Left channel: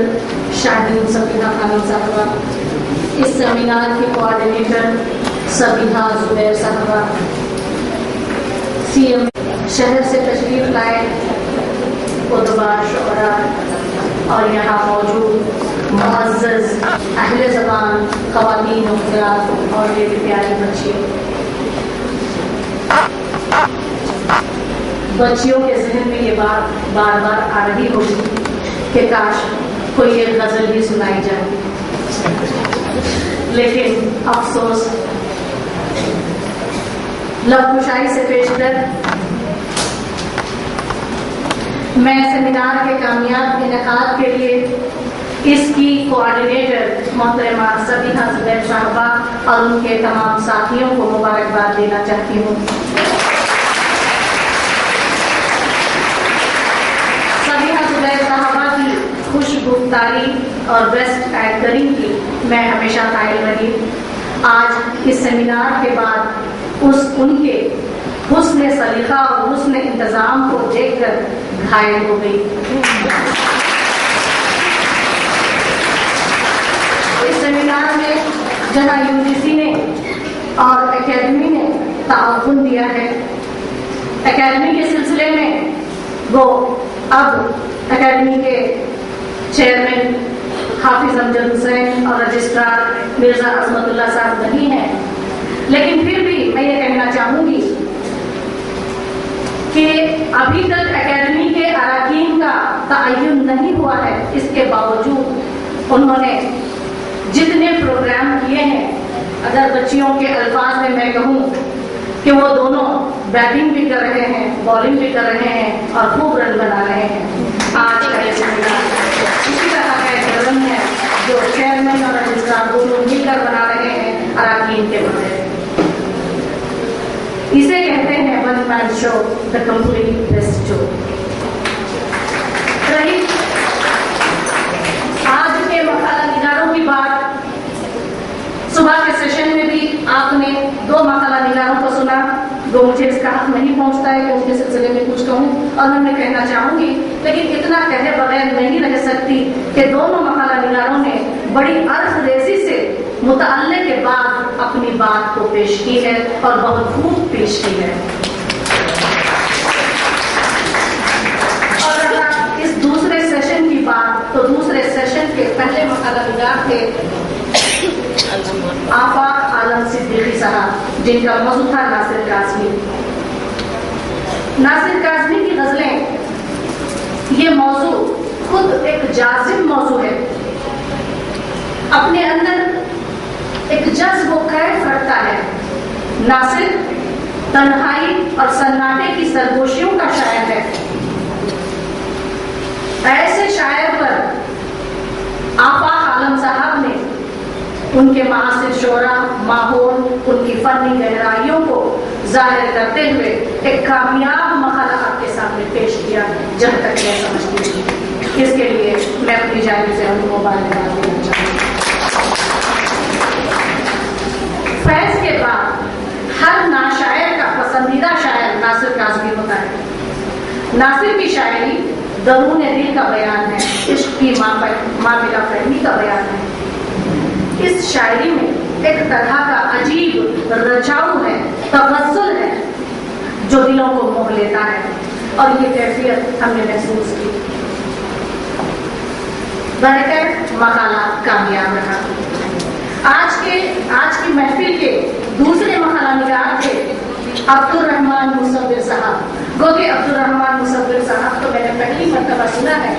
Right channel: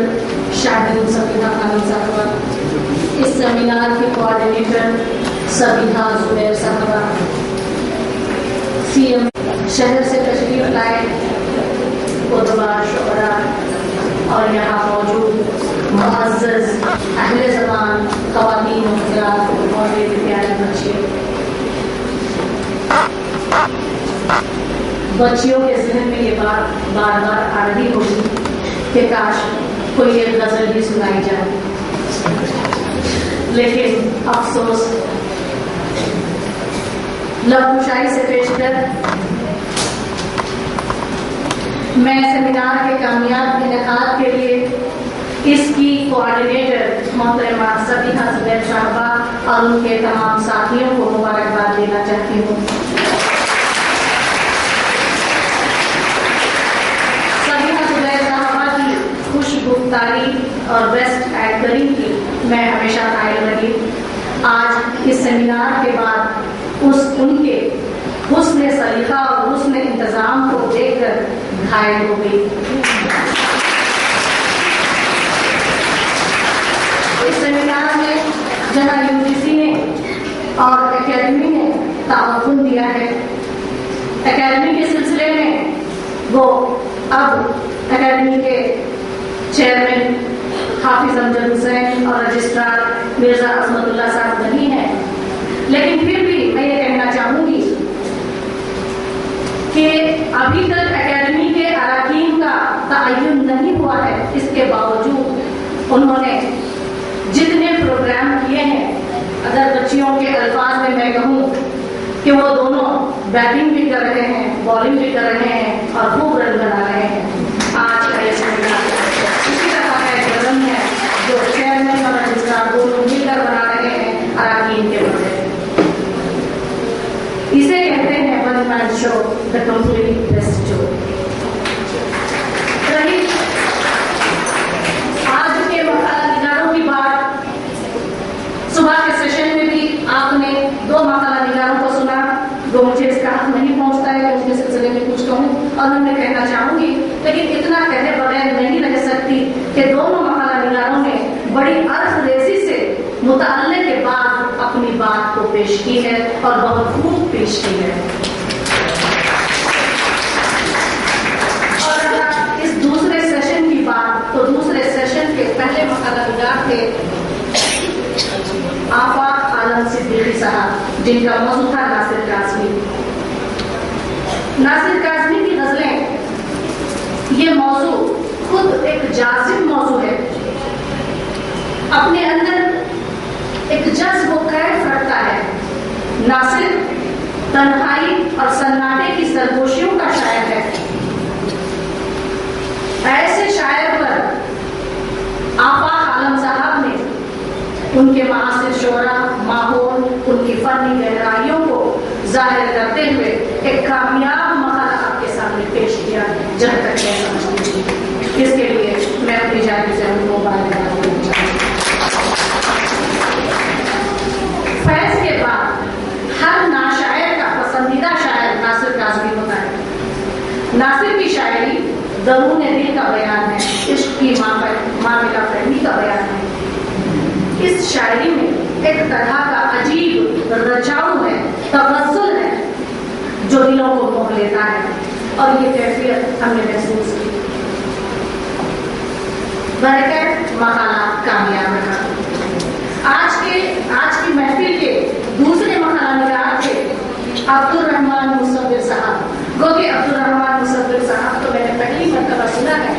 صدر شاہدین سبیحہ خانم صاحبہ، اس سیمینار کے کوآرڈینیٹر سبیحہ زبیر صاحبہ، سی ایم شہر سے تشریف لائے ادبا، شعراء اور یہاں موجود معزز اہل زبان، خواتین و حضرات اور میرے پیارے بچیوں کے ذہن میں یہ بات بار بار آ رہی ہوگی کہ کاش کوئی ایک غزل بھی سنائی جائے، لیکن افسوس لب کشائی سے پیش کر میں سیمینار کے کامیاب انعقاد کے لیے اس کی کوآرڈینیٹر محترمہ سبیحہ زبیر صاحبہ اور ان کے تمام ساتھیوں کو مبارکباد دینا چاہتی ہوں۔ سبیحہ زبیر صاحبہ کی خوشگفتاری اور بیسٹ ایکٹنگ کی میں ہمیشہ قائل رہی۔ آج اس سیمینار کے بعد ان کے حسن سلیقہ اور حسن انتظام کو دیکھ کر گھائل ہو گئی۔ اس سیمینار میں جہاں UGC نے اور اکیڈمی نے تعاون دیا ہے، اکیڈمی کے سلسلے میں وہ اب اکیڈمی کے چیئرمین حافظ امجد حسین اور رجسٹرار مرزا عصمت اللہ صاحب نہیں ہیں، لیکن پھر بھی میں یہ کہنا چاہوں گی کہ ابھی تک اکیڈمی کے اراکین کا تعین نہیں ہوا ہے، اس کے باوجود انہوں نے جتنے پروگرام کیے ہیں، اگر بچیوں کے الفاظ میں کہوں کہ وہ دونوں بیٹنگ بھی کر رہے ہیں، بالنگ بھی کر رہے ہیں اور خوب رن بنا رہے ہیں۔ آج کا یہ سیمینار اسی طرح کا ایک رن ہے جو چیئرمین اور رجسٹرار دونوں مل کر بنا رہے ہیں اراکین کے بارے۔ اسے کہتے ہیں one man show, the complete best show. رہی آج کے مقالہ نگاروں کی بات، صبح کے سیشن میں بھی آپ نے 2 مقالہ نگاروں کو سنا، جو مجھے اس کا حق نہیں پہنچتا ہے کہ ان کے سلسلے میں کچھ کہوں، اور میں کہنا چاہوں گی، لیکن اتنا کہے بغیر نہیں رہ سکتی کہ دونوں مقالہ نگاروں نے بڑی عرض ریزی سے مطالعے کے بعد اپنی بات کو پیش کی ہے اور بہت خوب پیش کی ہے۔ اور اگر اس دوسرے سیشن کی بات، تو دوسرے سیشن کے پہلے مقالہ نگار تھے آفاق عالم صدیقی صاحب، جن کا موضوع تھا ناصر کاظمی۔ ناصر کاظمی کی غزلیں، یہ موضوع خود ایک جازب موضوع ہے، اپنے اندر ایک جذب و کیف رکھتا ہے۔ ناصر تنہائی اور سناٹے کی سرگوشیوں کا شاعر ہے۔ ایسے شاعر پر آفاق عالم صاحب نے ان کے معاصر شعراء، ماحول، ان کی فنی گہرائیوں کو ظاہر کرتے ہوئے ایک کامیاب مقالہ آپ کے سامنے پیش کیا، جب تک میں سمجھتی تھی۔ اس کے لیے میں اپنی جانب سے ان کو مبارکباد دینا چاہتی ہوں۔ فیض کے بعد ہر ناشاعر کا پسندیدہ شاعر ناصر کاظمی ہوتا ہے۔ ناصر کی شاعری درون دل کا بیان ہے، عشق کی معاملہ فہمی کا بیان ہے۔ اس شاعری میں ایک طرح کا عجیب رچاؤ ہے، تغزل ہے، جو دلوں کو موہ لیتا ہے، اور یہ کیفیت ہم نے محسوس کی۔ برکت مقالہ کامیاب رہا۔ آج کی محفل کے دوسرے مقالہ نگار تھے عبدالرحمان مصور صاحب۔ گو کہ عبدالرحمان مصور صاحب تو میں نے پہلی مرتبہ سنا ہے،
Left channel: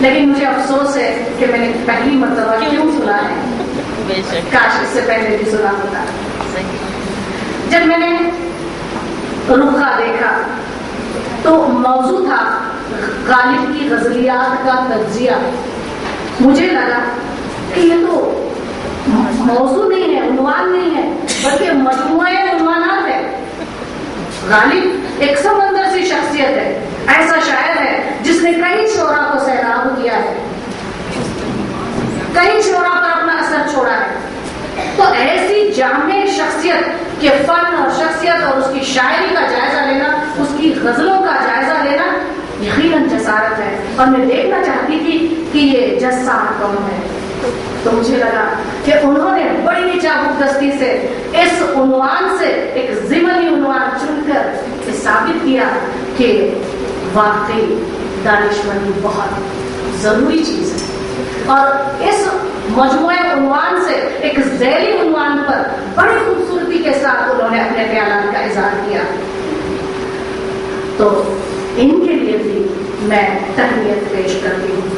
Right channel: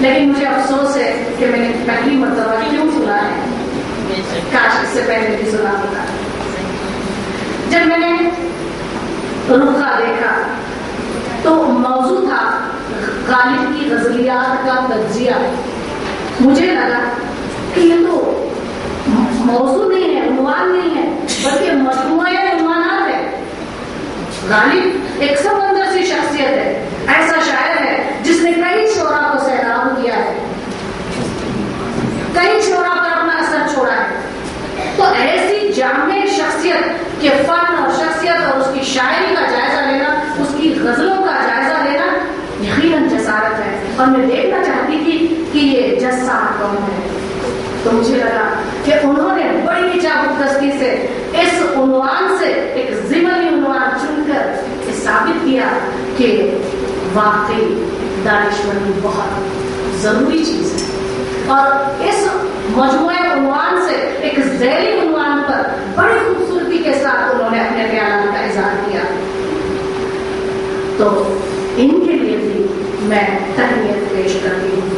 لیکن مجھے افسوس ہے کہ میں نے پہلی مرتبہ کیوں سنا ہے، کاش اس سے پہلے بھی سنا ہوتا۔ جب میں نے رخا دیکھا تو موضوع تھا غالب کی غزلیات کا تجزیہ۔ مجھے لگا کہ یہ تو موضوع نہیں ہے، عنوان نہیں ہے، بلکہ مجموعہ عنوانات ہے۔ غالب ایک سمندر سی شخصیت ہے، ایسا شاعر ہے جس نے کئی شعراء کو سیراب کیا ہے، کئی شعراء پر اپنا اثر چھوڑا ہے۔ تو ایسی جامع شخصیت کے فن اور شخصیت اور اس کی شاعری کا جائزہ لینا، اس کی غزلوں کا جائزہ لینا یقیناً جسارت ہے۔ اور میں دیکھنا چاہتی تھی کہ یہ جج صاحب کون ہے، تو مجھے لگا کہ انہوں نے بڑی چابکدستی سے اس عنوان سے ایک ضمنی عنوان چن کر یہ ثابت کیا کہ واقعی دانشمندی بہت ضروری چیز ہے، اور اس مجموعہ عنوان سے ایک ذیلی عنوان پر بڑی خوبصورتی کے ساتھ انہوں نے اپنے خیالات کا اظہار کیا، تو ان کے لیے بھی میں تہنیت پیش کرتی ہوں۔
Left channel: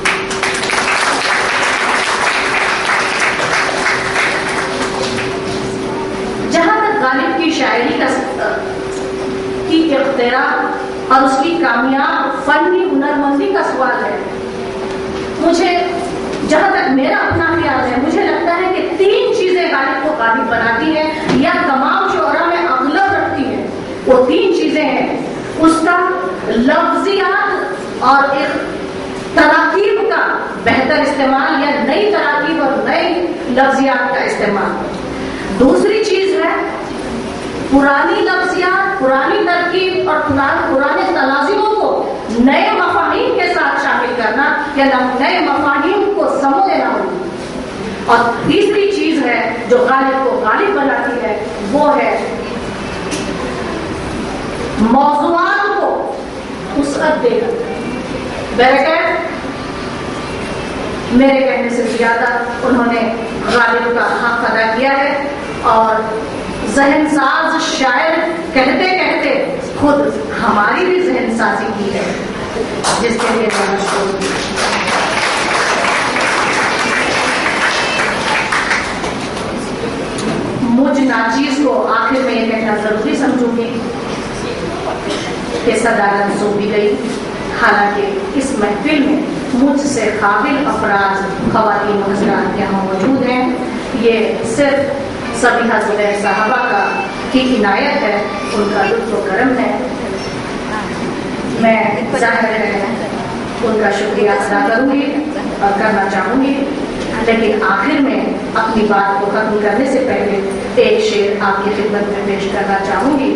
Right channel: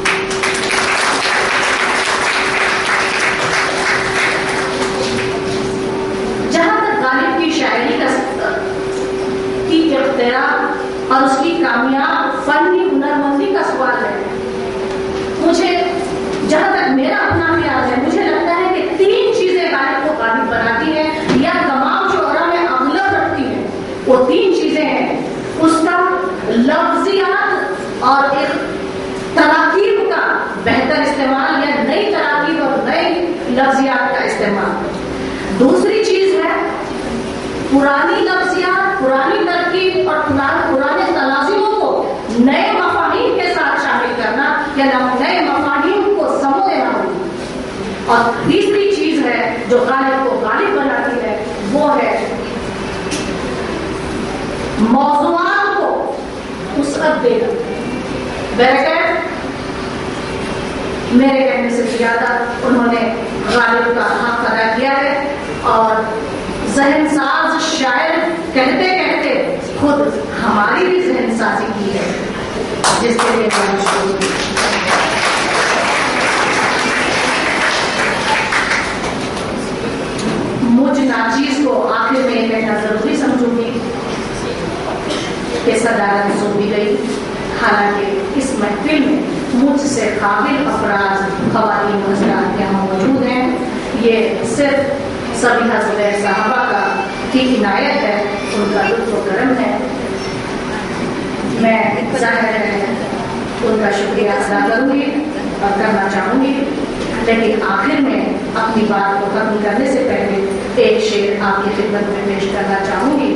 جہاں تک غالب کی شاعری کی اختراع اور اس کی کامیاب فنی ہنرمندی کا سوال ہے، مجھے جہاں تک میرا اپنا خیال ہے، مجھے لگتا ہے کہ 3 چیزیں غالب کو غالب بناتی ہیں یا تمام شعراء میں اغلب رکھتی ہیں۔ وہ 3 چیزیں ہیں، اس کا لفظیات اور ایک تراکیب کا بہتر استعمال یا نئی تراکیب اور نئی لفظیات کا استعمال۔ دوسری چیز ہے پرانی لفظیات، پرانی ترکیب اور پرانے تلازموں کو نئے مفاہیم کے ساتھ شامل کرنا یا نئے مفاہیم کو سمو دینا ہوگی۔ اور تیسری چیز ہے جو غالب کو غالب بناتی ہے، وہ ہے موضوعات کو وسعت دینا۔ بہرکیف میرے کہنے سے زیادہ انہوں نے غالب کا حق ادا کیا ہے، اور ذہن ساز شاعر کہتے کہتے خود ہماری بھی ذہن سازی کی ہے، جس کے لیے میں مشکور ہوں۔ مجھ ناچیز کو آخر میں یہ کہنا ضروری سمجھوں گی کہ صدارت سونپی گئی، حالانکہ اس محفل میں مجھ سے قابل افراد خواتین و حضرات یہاں موجود ہیں، یہ صرف سبیحہ زبیر صاحبہ کی عنایت ہے، ان کا لطف و کرم ہے۔ میں ظاہر ہے ان کا شکریہ ادا کروں گی اور کرنا چاہوں گی، لیکن آخر میں اپنی بات کو ختم کرنے سے پہلے ایک شعر آپ کی خدمت میں پیش کرنا چاہوں گی۔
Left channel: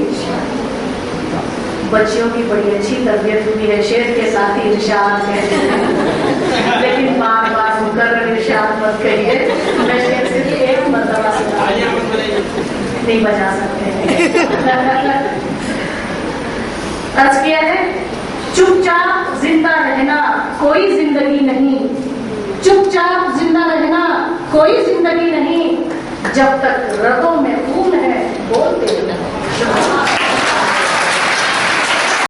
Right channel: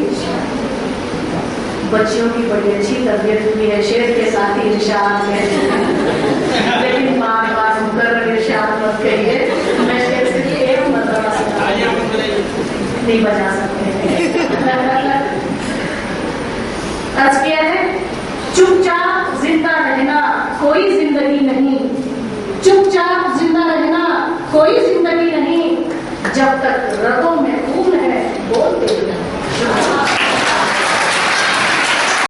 بچیوں کی بڑی اچھی تربیت ہوئی ہے، شعر کے ساتھ ہی ارشاد کہتے ہیں، لیکن بار بار مقرر ارشاد مت کہیے، میں شعر صرف ایک مرتبہ سنا نہیں بجا سکتے۔ عرض کیا ہے، چپ چاپ زندہ رہنا کوئی زندگی نہیں، چپ چاپ زندہ رہنا کوئی زندگی نہیں، جب تک رگوں میں خون ہے بولتے